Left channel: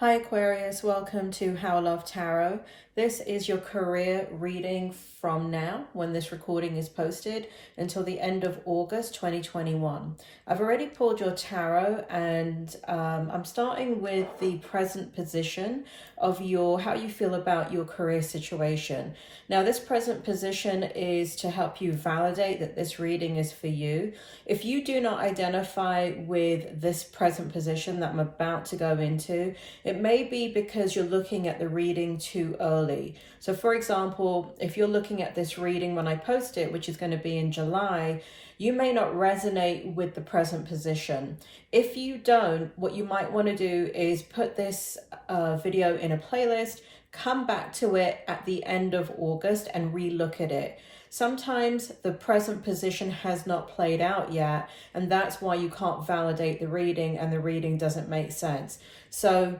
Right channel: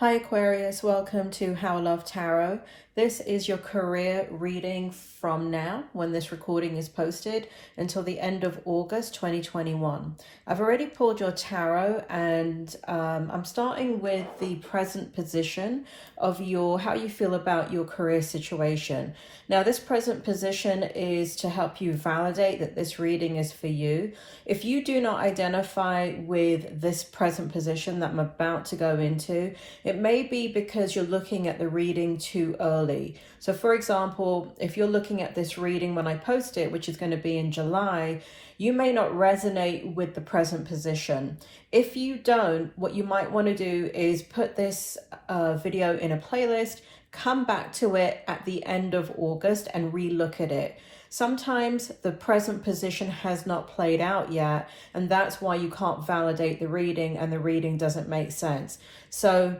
Hi Aquarius, welcome to How Love Tarot. This is your career reading from now, when this recording is posted, until the end of August 2021. I've already pulled your tarot and I'm starting with the present position of how you feel about your career situation. Now this present position is to help you validate that this reading is for you. If you do not identify with this present position that I'm about to go into, it may be because you're looking at the reading too early. So for example, if you're looking at this reading when I post it, which is going to be in July, you may not resonate with the present position. If you don't, what you might want to do is put this video in a playlist, come back to it at the end of August and re-look at it. Sometimes the present position has not played out yet, and that's why you can't validate the reading and the reading doesn't make sense. So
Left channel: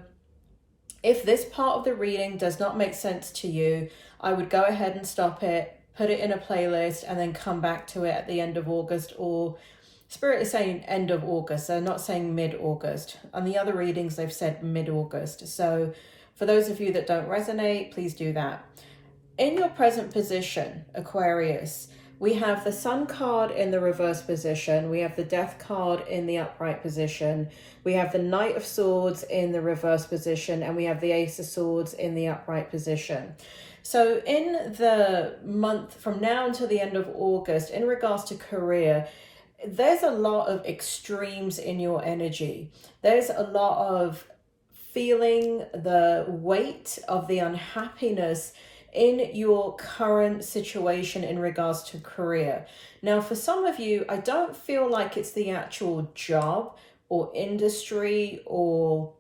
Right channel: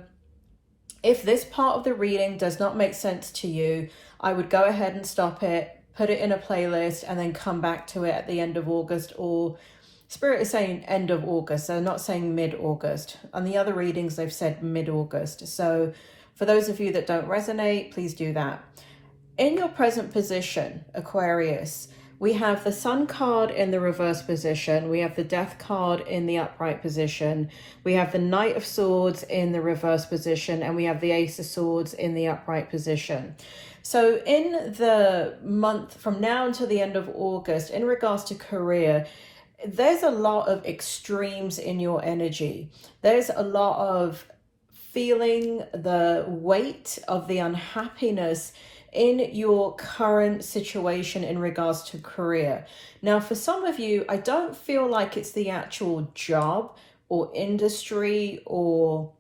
if this part of the reading does not make sense to you, I would go ahead and stop it, put it in a playlist, and then come back to it at the end of August, or Spirit is saying end of August. They're not saying mid-August. On the other readings, they've said mid-August. So for those of you that don't resonate, please do that. In your present position, Aquarius, we have the Sun card in the reverse position. We have the Death card in the upright position. We have the Knight of Swords in the reverse position. And we have the Ace of Swords in the upright position. So in the month from now until the end of August, in regards to career, there's a lot of extremes in your energy. There's a lot of feeling the weight of the unhappiness in your current situation in regards to career. Now, for some of you, I don't feel like it's the actual job or industry or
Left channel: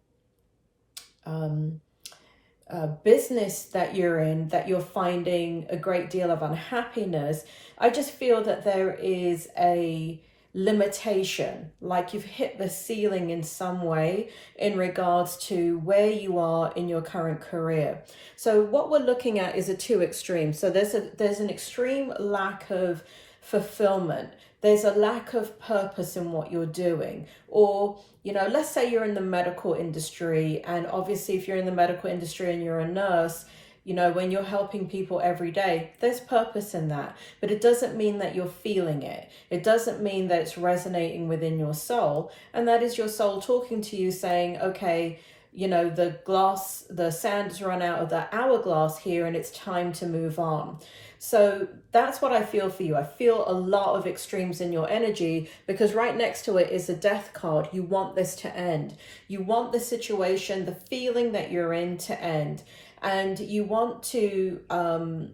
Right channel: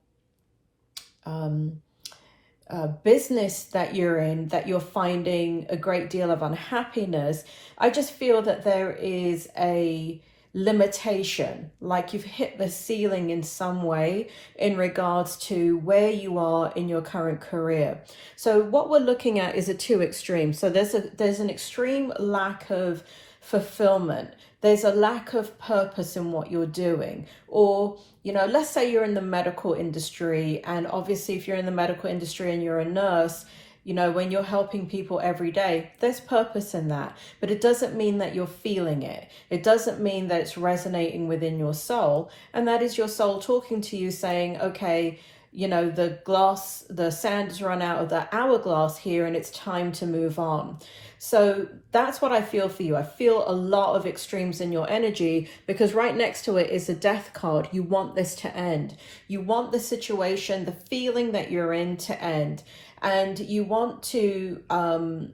business that you're in that you're finding a great deal of unhappiness. I just feel that there is a limitation, like you've hit the ceiling in some way in regards to where you are in your current career. So what we're looking at is a two extremes. So there's an extreme lack of fulfillment. There's a lack of purpose in what you're doing. Or, you know, let's say you're in the medical industry, and obviously if you're in the medical industry and you're a nurse, you know, when you're helping people every day, there's purpose in that. But it doesn't mean that you're feeling it. It doesn't mean that it's resonating within your soul. And that is your soul talking to you saying, okay, you know, the sand's run out of the hourglass here and it's time to move on. So that's what I feel for you. I feel a lot of extremes in your energy because right next to it is a Death card. You want this to end. You want the situation, the feeling that you're in to end. And you want to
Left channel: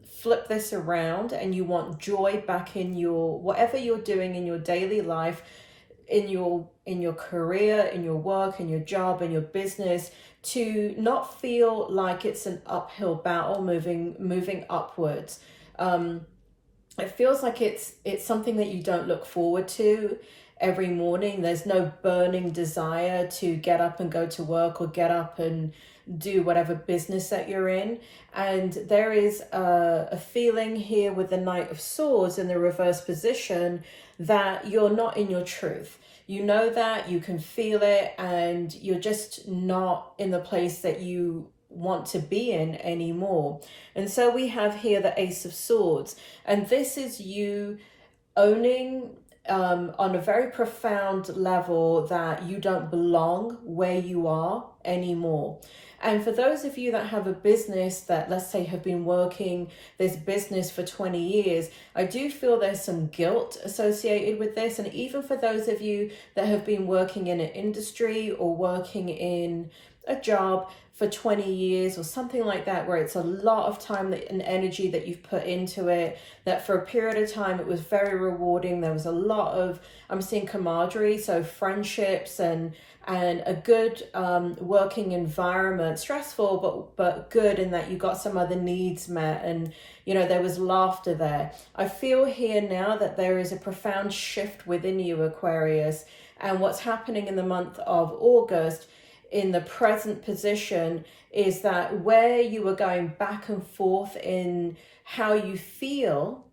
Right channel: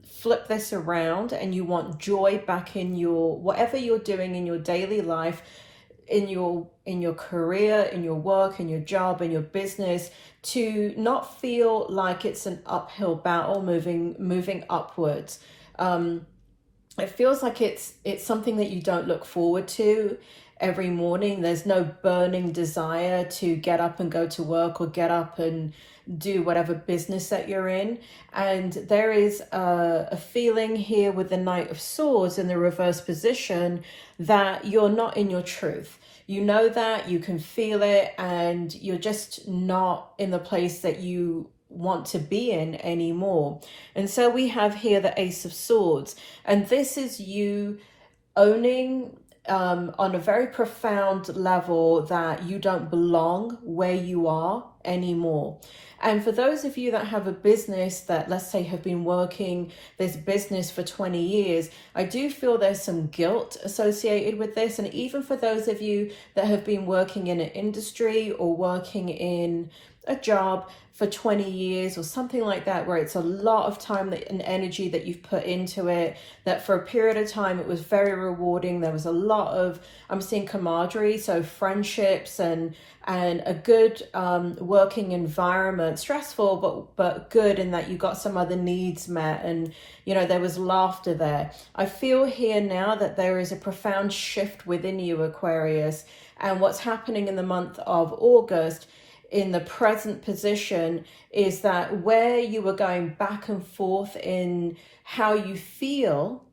flip this around and you want joy back in your, whatever you're doing in your daily life, in your career, in your work, in your job, in your business, to not feel like it's an uphill battle moving upwards. It feels like it's something that you don't look forward to every morning. There's no burning desire to get up and go to work or get up and do whatever business that you're in. And there is a feeling here with the Knight of Swords in the reverse position that you're not in your truth. You know that, you can feel it, and you're just not in the place that you want to be in anymore. And so we have here the Ace of Swords, and this is you owning on a very profound level that you don't belong where you are anymore. And for those of you that have a business that, let's say, have been working this business for 20 years, I do feel there's some guilt associated with this. And even for those of you that have been working in an industry or working in a job for 20 years or something like that, where it's a lot of time and energy that you've put into it, that for a period of time it was very rewarding. There was a lot of, I'm seeing camaraderie, so friendships and a good working environment, stressful but good in that you got some other needs met, and you know there was laughter there. I feel here now that there is a profound shift within you, Aquarius, and what's happening in the month of August in the present position is that where you were going back and forth in how you feel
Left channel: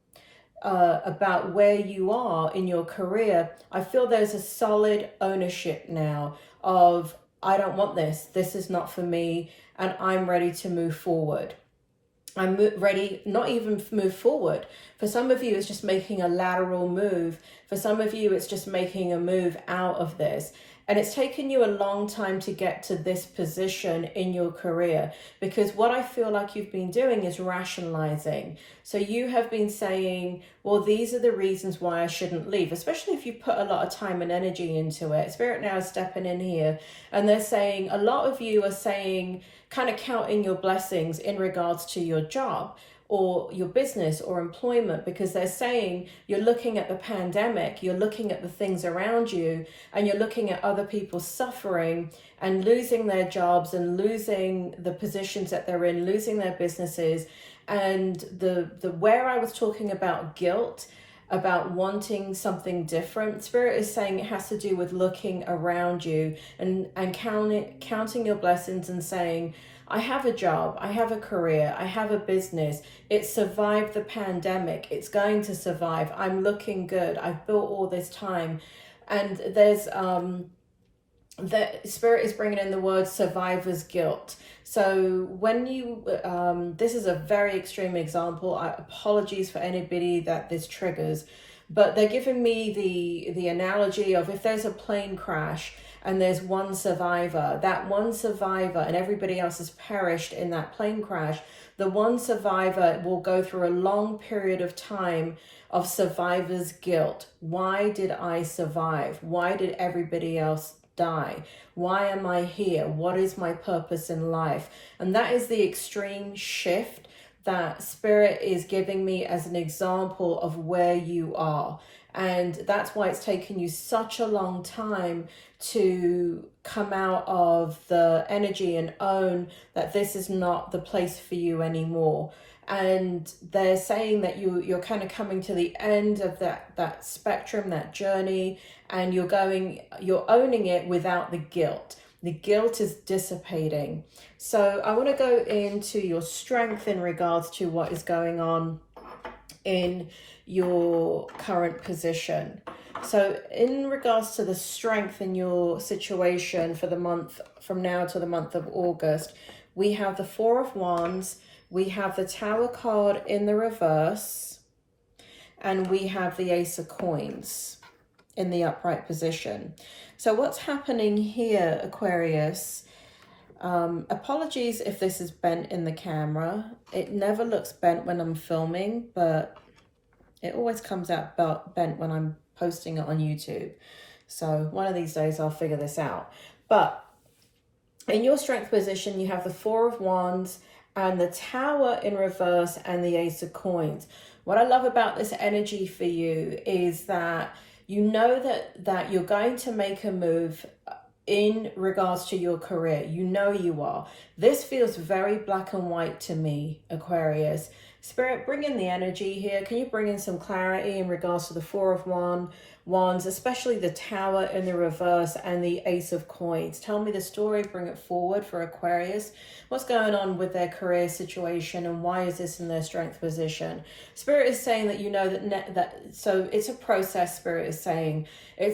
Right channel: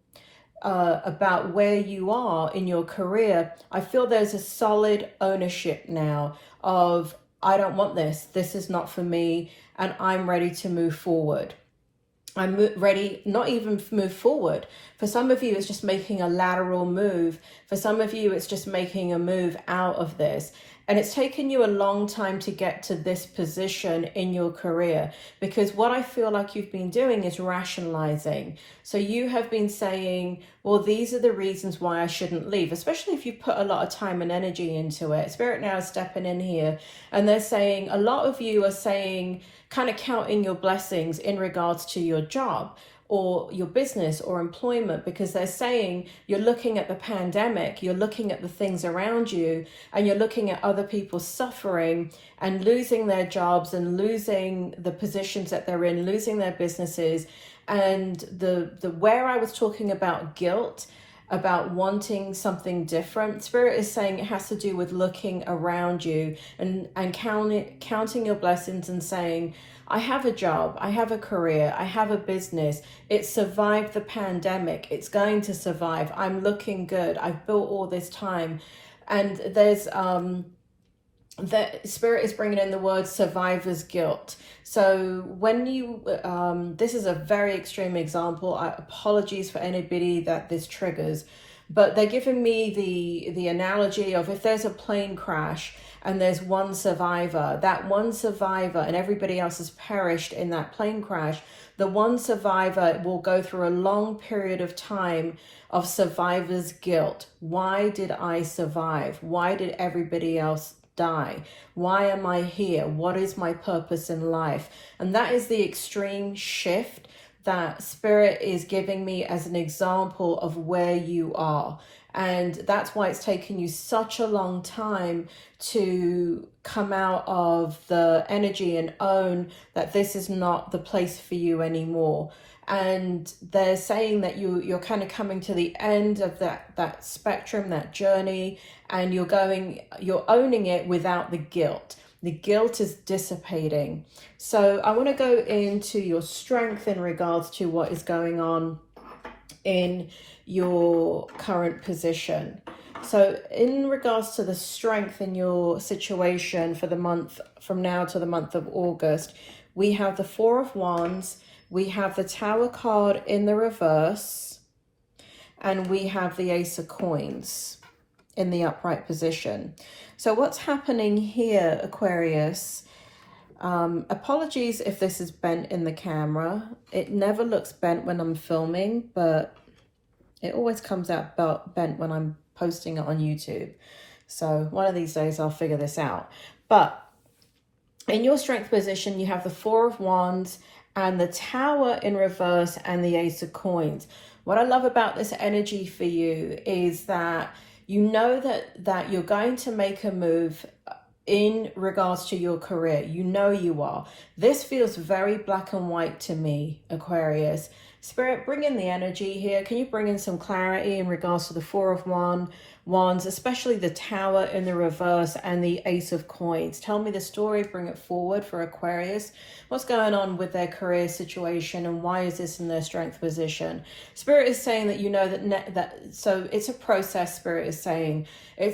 about where you are in your career, I feel there's a solid ownership now of I don't want this. This is not for me, and I'm ready to move forward. I'm ready, not even move forward. For some of you, it's just making a lateral move. For some of you, it's just making a move out of this. And it's taken you a long time to get to this position in your career, because what I feel like you've been doing is rationalizing. So you have been saying, well, these are the reasons why I shouldn't leave, especially if you put a lot of time and energy into it. Spirit now is stepping in here, and they're saying, a lot of you are saying, kind of counting your blessings in regards to your job or your business or employment, because they're saying you're looking at the pandemic, you're looking at the things around you, and you're looking at other people suffering and losing their jobs and losing the positions that they're in, losing their businesses. And the where I was talking about guilt, about wanting something different, Spirit is saying it has to do with looking around you and counting your blessings and saying, I have a job, I have a career, I have a business. It survived the pandemic. It's going to survive. I'm looking good. I've built all this time. And there's that Spirit is bringing in the word survivor's guilt. So when you, this is a very extreme example. Apologies for anybody that this triggers, but they're giving me the analogy of, if there's a plane crash and there's one survivor, that one survivor and everybody else has perished in that plane crash, the one survivor will go through a long period of time of survivor's guilt. Why did I survive? Why did everybody else die? Why am I here? What is my purpose in life? And that is the extreme shift that Spirit is giving me as an example of where you are. And that's why it's taken you such a long time to come out of the energy and own that this is not the place for you anymore. And they're saying that you're kind of coming to the end of that spectrum, that journey, and you're owning it without the guilt. The guilt is dissipating. So I want to go into your strength in regards to what is going on in your current position. So in regards to the strength in your situation for the month from now to the month of August, we have the Four of Wands, we have the Tower card in the reverse, and we have the Ace of Coins in the upright position. So what's happening here, Aquarius? Apologies if this is bent in the camera. It never looks bent when I'm filming, but it always comes out bent when I'm posting it on YouTube. So one of these days I'll figure this out. But in your strength position, you have the Four of Wands and the Tower in reverse and the Ace of Coins. What I love about this energy for you is that you know that you're going to make a move in regards to your career. You know you are. This feels very black and white to me, Aquarius. Spirit, bring in the energy here. Can you bring in some clarity in regards to the Four of Wands, especially the Tower in the reverse and the Ace of Coins? Tell me the story, bring it forward for Aquarius. What's going on with their career situation and why is this in their strength position? Spirit is saying that you know so it's a process. Spirit is saying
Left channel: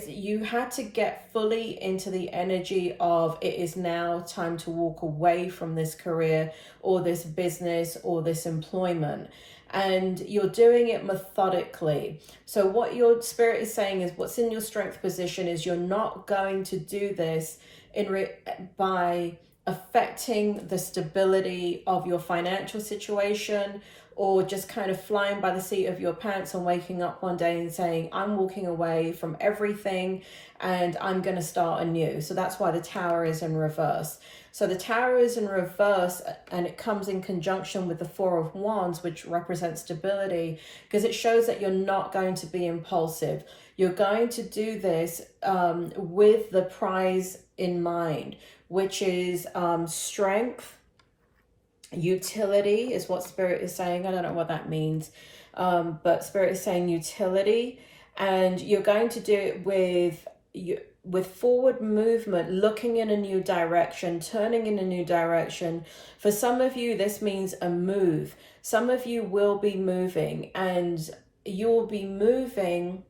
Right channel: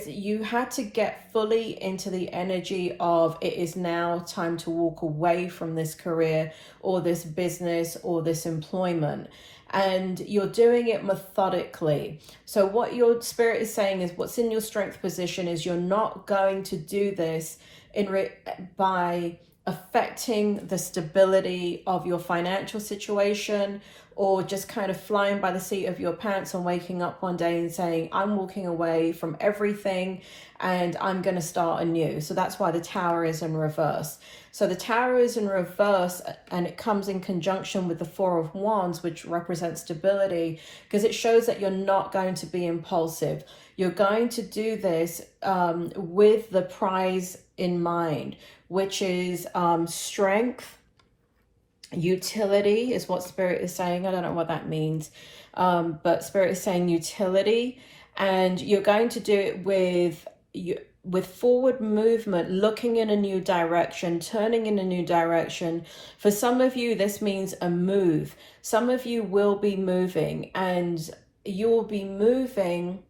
you had to get fully into the energy of it is now time to walk away from this career or this business or this employment. And you're doing it methodically. So what your Spirit is saying is what's in your strength position is you're not going to do this by affecting the stability of your financial situation, or just kind of flying by the seat of your pants and waking up one day and saying, I'm walking away from everything and I'm going to start anew. So that's why the Tower is in reverse. So the Tower is in reverse and it comes in conjunction with the Four of Wands, which represents stability, because it shows that you're not going to be impulsive. You're going to do this with the prize in mind, which is strength. Utility is what Spirit is saying. I don't know what that means, but Spirit is saying utility, and you're going to do it with forward movement, looking in a new direction, turning in a new direction. For some of you, this means a move. Some of you will be moving, and you'll be moving,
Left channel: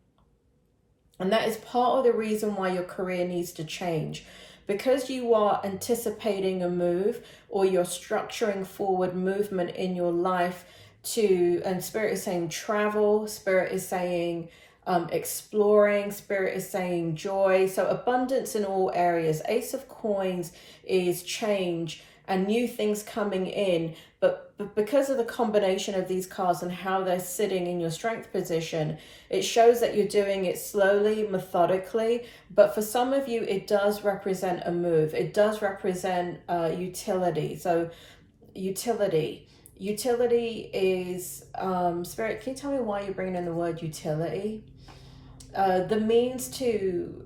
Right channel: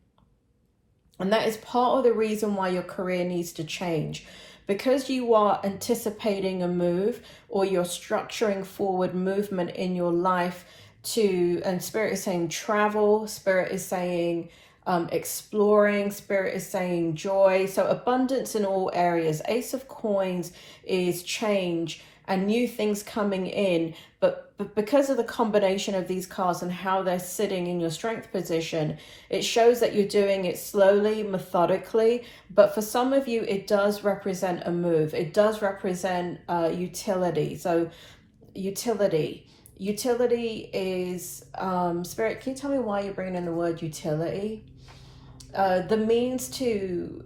and that is part of the reason why your career needs to change. because you are anticipating a move, or you're structuring forward movement in your life to, and Spirit is saying travel, Spirit is saying exploring, Spirit is saying joy. So abundance in all areas. Ace of Coins is change and new things coming in, but because of the combination of these cards and how they're sitting in your strength position, it shows that you're doing it slowly, methodically. But for some of you, it does represent a move. It does represent utility. So utility is, Spirit, can you tell me why you're bringing in the word utility? The means to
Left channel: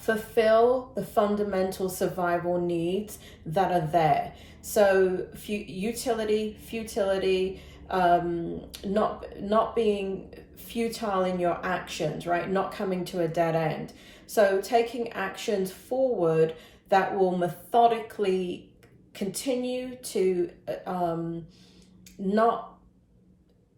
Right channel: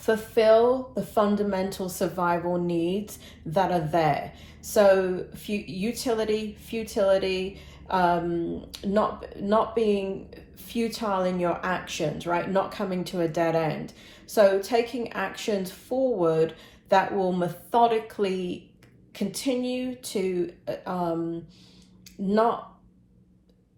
fulfill the fundamental survival needs that are there. So utility, futility, not being futile in your actions, right? Not coming to a dead end. So taking actions forward that will methodically continue to not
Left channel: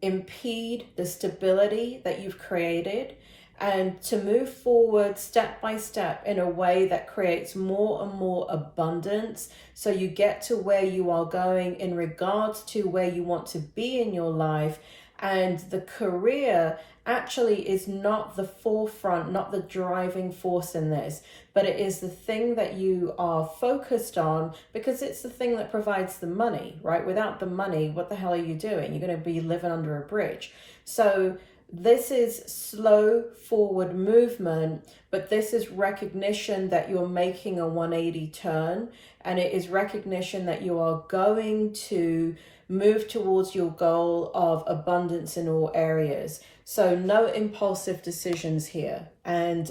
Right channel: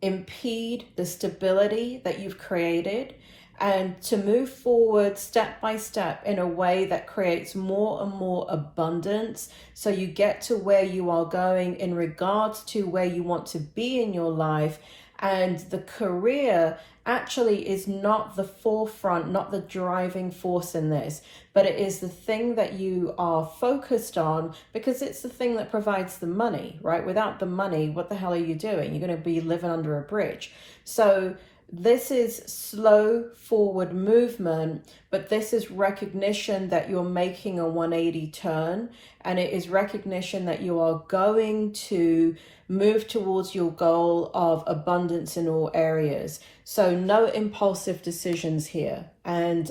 impede the stability that you've created, and to move forward step by step in a way that creates more and more abundance, so you get to where you are going in regards to where you want to be in your life. And the career actually is not the forefront, not the driving force in this, but it is the thing that you are focused on, because it's the thing that provides the money, right? Without the money, what the hell are you doing? You're going to be living under a bridge. So this is slow forward movement, but this is recognition that you're making a 180 turn, and it is recognition that you are going to move towards your goal of abundance in all areas. So no impulsive decisions here, and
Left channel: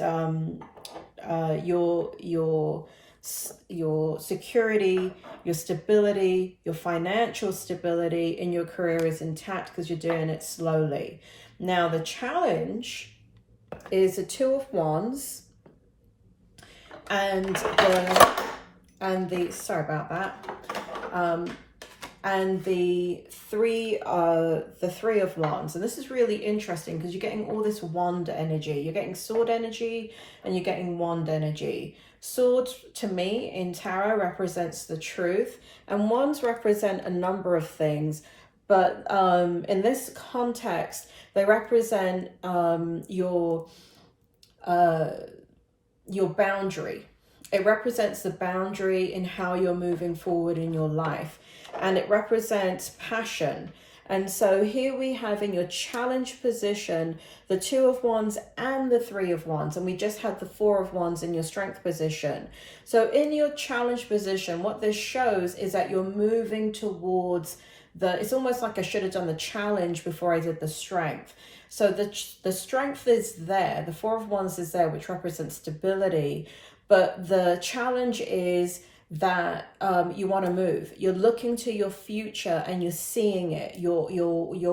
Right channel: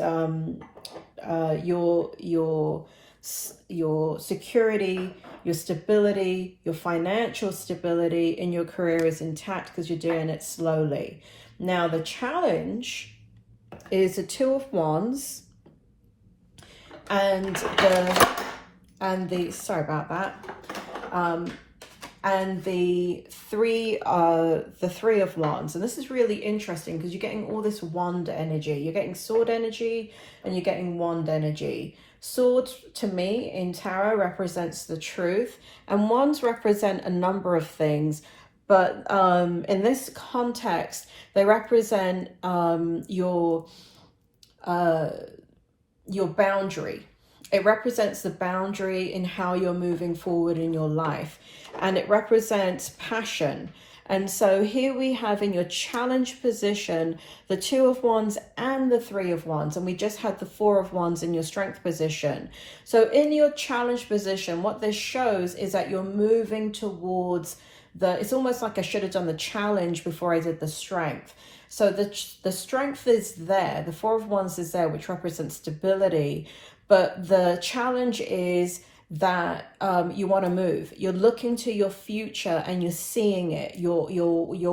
your security, your stability, your financial stability in your career is intact because you're doing it slowly. Now the challenge is the Two of Wands and the sorry about that, and the three of Wands. And this is really interesting because you're getting all this wand energy. You're getting sword energy and you're getting wand energy. Sword to me in tarot represents the truth, and wands represent a number of things. But in this context, they represent your boundary. It represents the boundary in how you're moving forward in your life. And it represents passion. And so here we have in your challenge position, the Two of Wands and the Three of Wands. And we just had the Four of Wands in your strength position. So in your challenge position, what this shows is that you're moving towards it's almost like I should have done the challenge before I did the strength. So the strength is there. The Four of Wands is there, which represents stability. But the challenge is that you want to move. You're looking to your future and you're seeing it. You're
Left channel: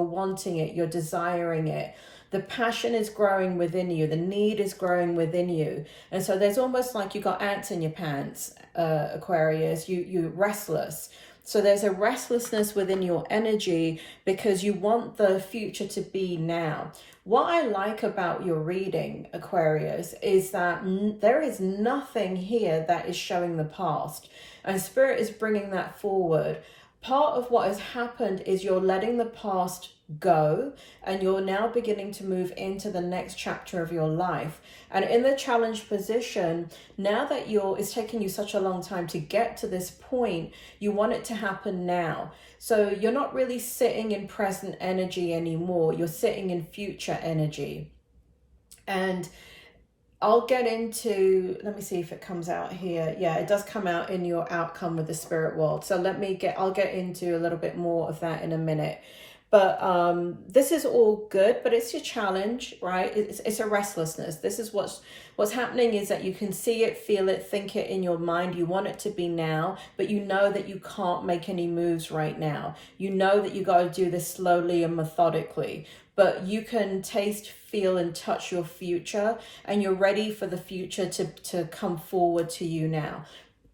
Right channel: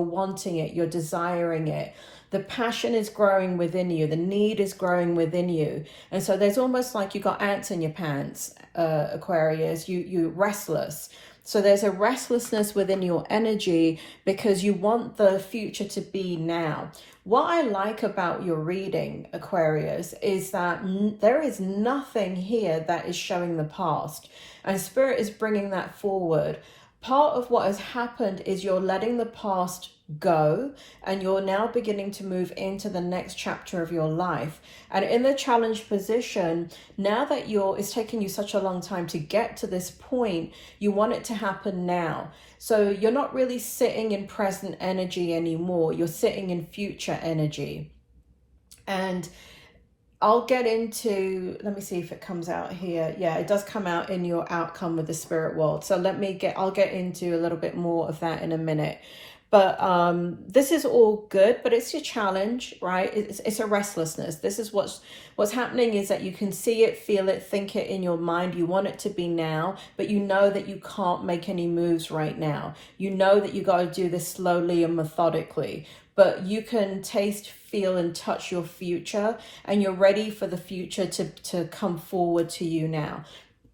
wanting it. You're desiring it. The passion is growing within you. The need is growing within you. And so there's almost like you got ants in your pants, Aquarius. You're restless. So there's a restlessness within your energy because you want the future to be now. What I like about your reading, Aquarius, is that there is nothing here that is showing the past. And Spirit is bringing that forward. Part of what has happened is you're letting the past go and you're now beginning to move into the next chapter of your life. And in the challenged position, now that it's taken you such a long time to get to this point, you want it to happen now. So you're not really sitting in present energy anymore. You're sitting in future energy. And I'll get into, let me see if it comes out here. Yeah, it does come out in your outcome with the spirit world. So I'll get into a little bit more of that in a minute. But this is all good, but it's your challenge, right? It's a restlessness. This is what's happening, is that you can see it, feel it, think it in your mind. You want it to be now, but you know that you can't make any moves right now. You know that you got to do this slowly and methodically, but you can taste, feel, and touch your future, and you're ready for the future to come forward to you now.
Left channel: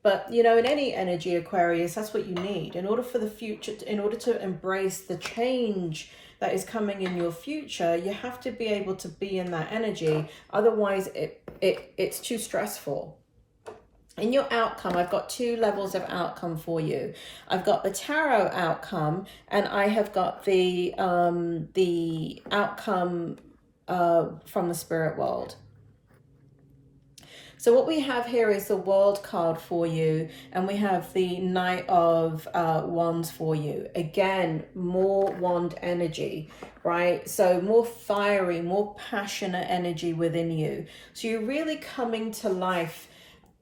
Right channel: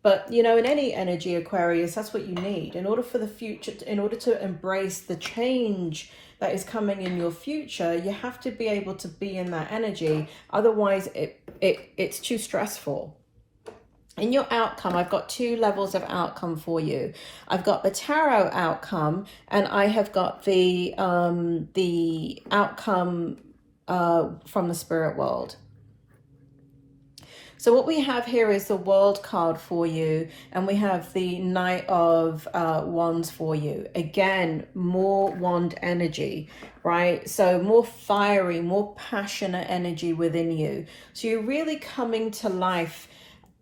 But, you know, in any energy, Aquarius, that's what you need. In order for the future, in order to embrace the change that is coming in your future, you have to be able to be in that energy. Otherwise, it's too stressful. In your outcome, I've got 2 levels of outcome for you. I've got the tarot outcome, and I have got the outcome from the spirit world. So what we have here is the World card for you, and we have the Knight of Wands for you. Again, more wand energy, right? So more fiery, more passionate energy within you. So you're really coming to life,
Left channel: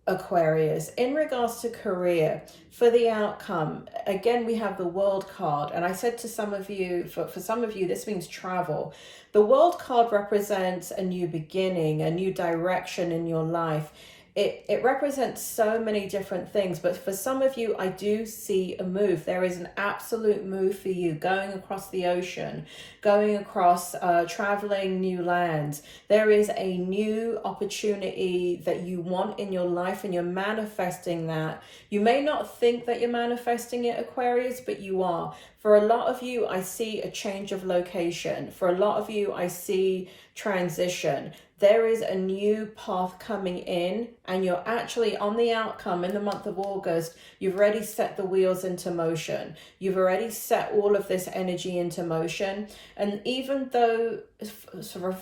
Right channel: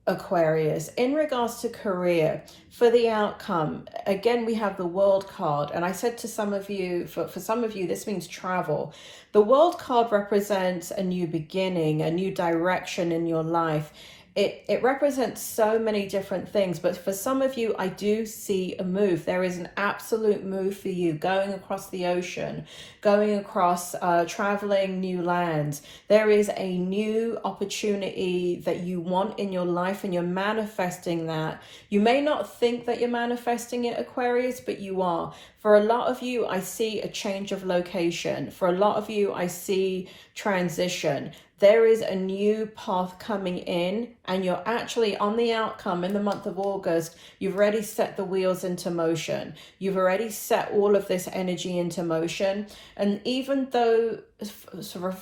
Aquarius. In regards to career, for the outcome, again, we have the World card. And I said to some of you, for some of you, this means travel. The World card represents a new beginning, a new direction in your life. It represents so many different things, but for some of you, I do see a move. There is an absolute move for you, going across the ocean, going across, traveling new lands. There is a new opportunity that you want in your life, and you're manifesting that. You may not think that you're manifesting it, Aquarius, but you are. For a lot of you, I see a change of location. For a lot of you, I see transition. There is a new path coming in, and you're actually on the outcome in the month of August. You've already set the wheels into motion. You've already set all of this energy into motion. And even though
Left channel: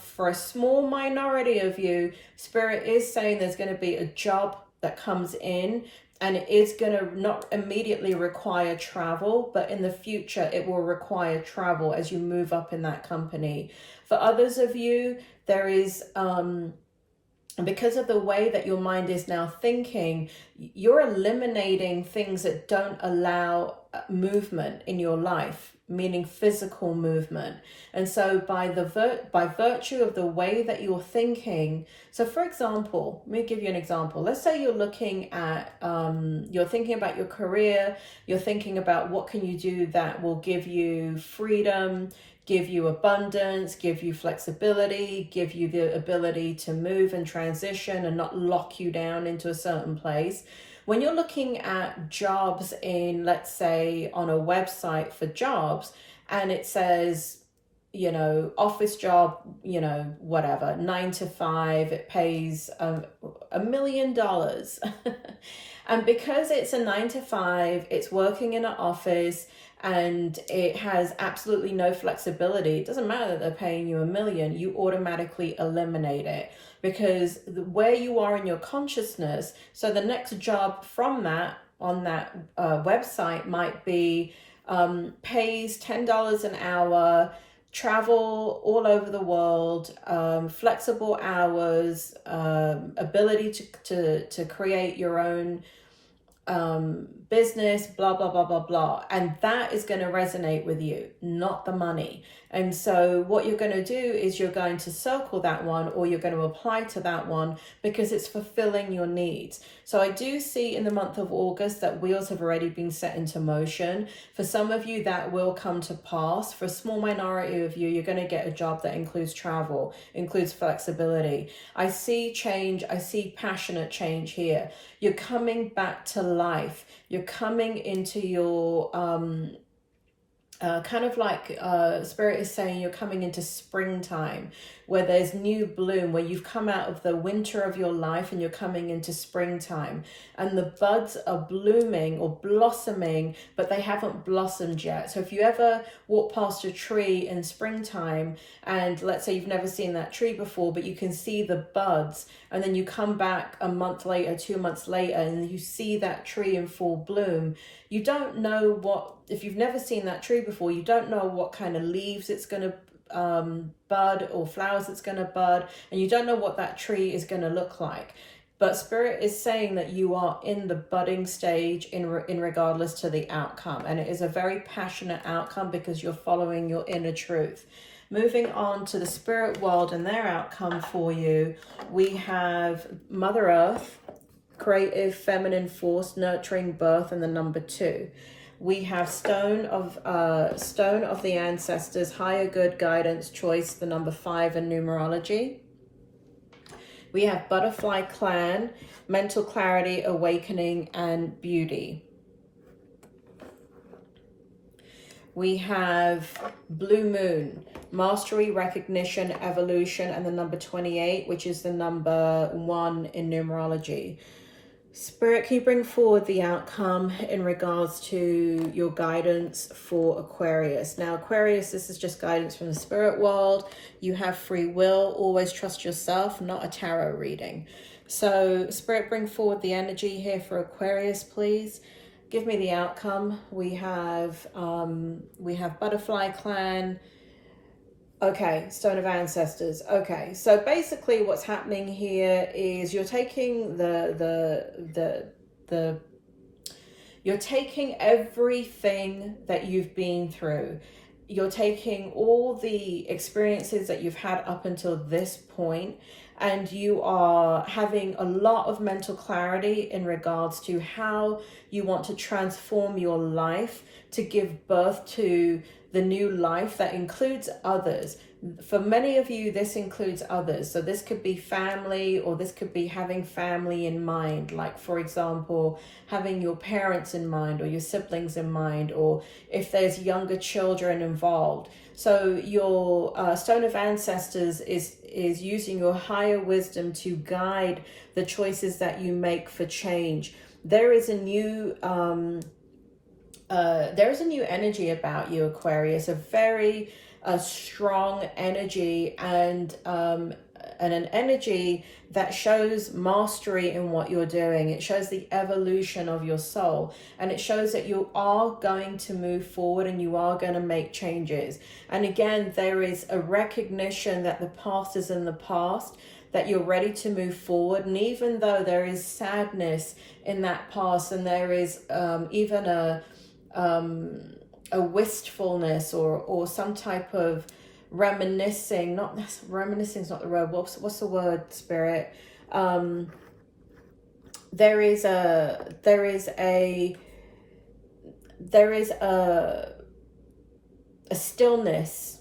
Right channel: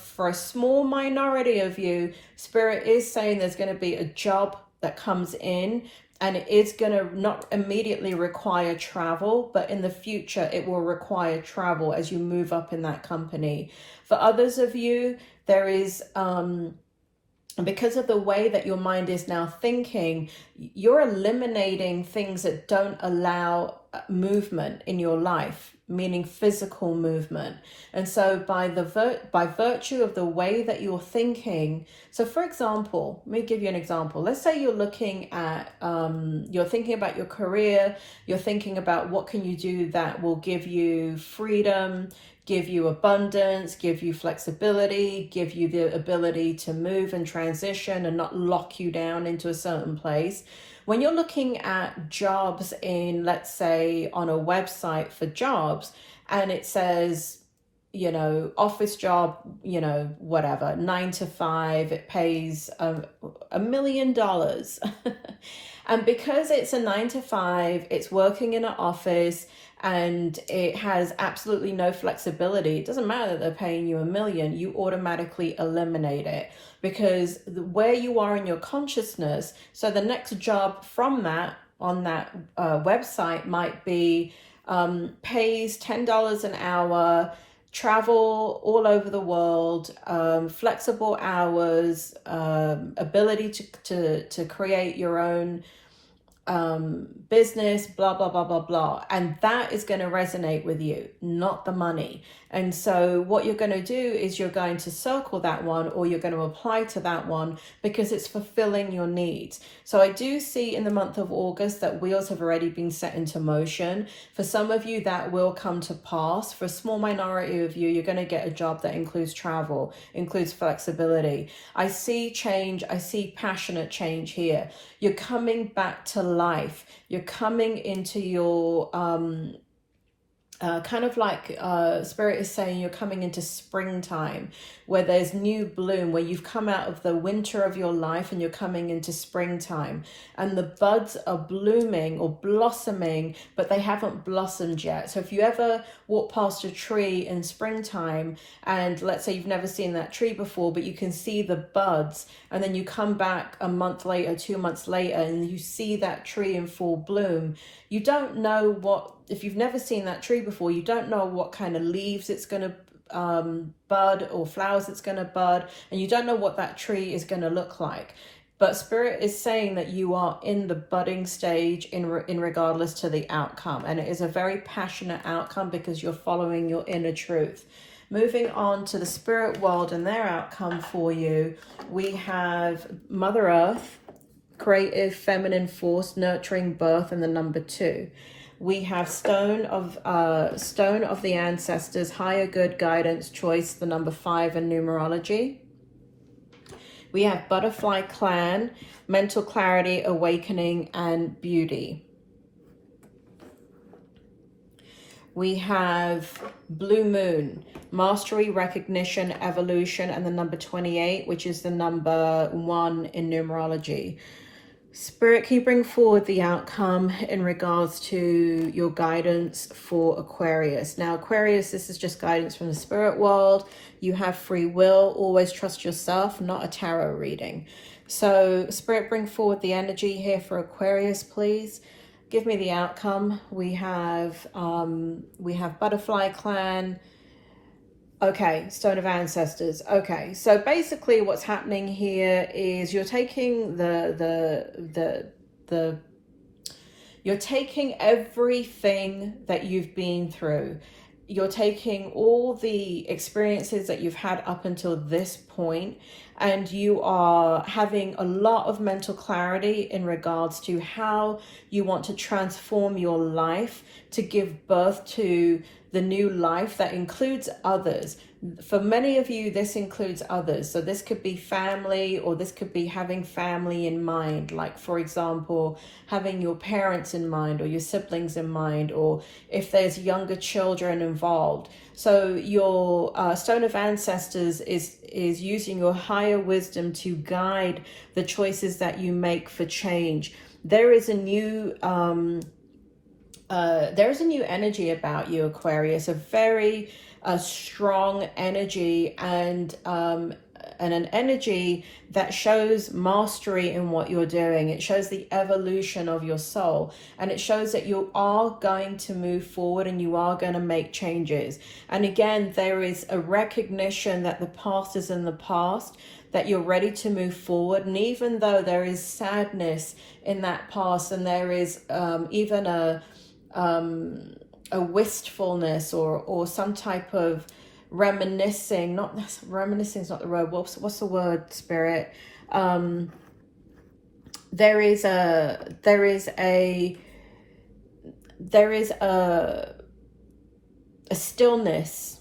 for a small minority of you, Spirit is saying there's going to be a job that comes in, and it is going to not immediately require travel, but in the future it will require travel as you move up in that company. For others of you, there is, because of the way that your mind is now thinking, you're eliminating things that don't allow movement in your life, meaning physical movement. And so by virtue of the way that you're thinking, so for example, let me give you an example. Let's say you're looking at, you're thinking about your career, you're thinking about what can you do that will give you freedom, give you abundance, give you flexibility, give you the ability to move and transition and not lock you down into a certain place. When you're looking at jobs in, let's say, on a website for jobs, and it says, you know, office job, you know, whatever, 9 to 5, it pays $1 million. And because it's a 9 to 5, it's working in an office, and it has absolutely no flexibility. It doesn't matter that they're paying you $1 million, you automatically eliminate it, because where you are in your consciousness. So the next job from that, on that website, might be pays $10 an hour, travel all over the world, flexible hours, ability to create your own business, blah, blah, blah, blah, blah. And that is going to resonate with you, not the money. And so what you're going to do is you're going to circle that one, or you're going to apply to that one, because it's fulfilling your needs. So I do see in the month of August that wheels have already been set into motion. For some of you, that will come to pass. For a small minority of you, you're going to get a job that includes travel, includes flexibility. I see change. I see passionate change here. You're coming back to life. You're coming into your kind of like Spirit is saying you're coming into springtime, where there's new bloom, where you've come out of the winter of your life and you're coming into springtime, and the buds are blooming or blossoming, but they haven't blossomed yet. So if you ever walk past a tree in springtime, and let's say you've never seen that tree before, but you can see the buds, and then you come back a month later, 2 months later, and you see that tree in full bloom, you don't know what, if you've never seen that tree before, you don't know what kind of leaves it's going to bud, or flowers it's going to bud, and you don't know what that tree is going to look like. But Spirit is saying that you are in the budding stage in regardless to the outcome, and it is a very passionate outcome because you're following your inner truth. Moving on to the spirit world and their outcome for you, we have Mother Earth, creative feminine force, nurturing birth, and the number 2. We have stone of the ancestors, higher good, guidance, choice, the number 5, and numerology. We have butterfly clan, mental clarity, awakening, and beauty. We have blue moon, mastery, recognition, evolution, and the number 28, which is the number 1 in numerology. Spirit, can you bring forward the outcome in regards to your guidance for Aquarius? Now, Aquarius, this is just guidance from the spirit world. You have free will. Always trust yourself, not a tarot reading. So, Spirit, bring forward the energy here for Aquarius, please. Give me the outcome. We have Butterfly Clan. Okay, Stone of Ancestors. Okay, so basically what's happening here is you're taking you're taking everything that you've been through. You're taking all the experiences that you've had up until this point, and you are having a lot of mental clarity in regards to how you want to transform your life to give birth to the new life that includes others. For many of you, this includes others. So this could be family, or this could be having family in mind. Like, for example, having your parents in mind, or your siblings in mind, or if there's younger children involved. So your Stone of Ancestors is using your higher wisdom to guide the choices that you make for change. There is a new energy about you, Aquarius, a very strong energy, and an energy that shows mastery in what you're doing. It shows the evolution of your soul, and it shows that you are going to move forward and you are going to make changes. And again, there is a recognition that the past is in the past, that you're ready to move forward. And even though there is sadness in that past, and there is even a wistfulness or some type of reminiscing, reminiscing is not the word, what's the word, Spirit? There is a stillness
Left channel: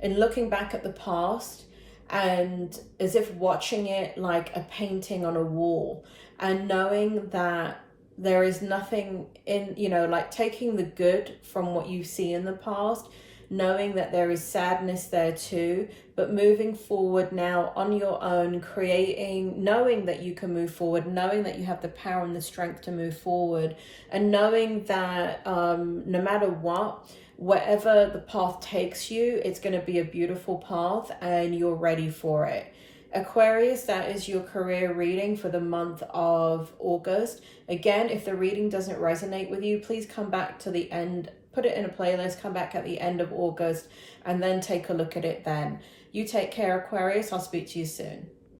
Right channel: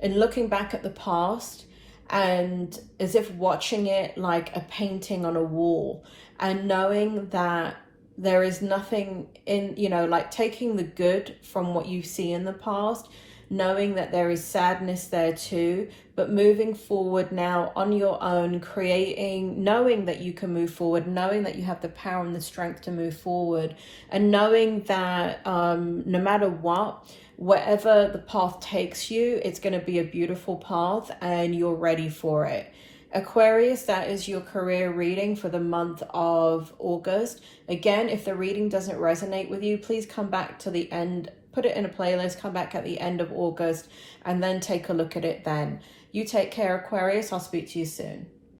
in looking back at the past, and as if watching it like a painting on a wall, and knowing that there is nothing in, like taking the good from what you see in the past, knowing that there is sadness there too, but moving forward now on your own, creating, knowing that you can move forward, knowing that you have the power and the strength to move forward, and knowing that no matter what, wherever the path takes you, it's going to be a beautiful path and you're ready for it. Aquarius, that is your career reading for the month of August. Again, if the reading doesn't resonate with you, please come back to the end, put it in a playlist, come back at the end of August, and then take a look at it then. You take care, Aquarius. I'll speak to you soon.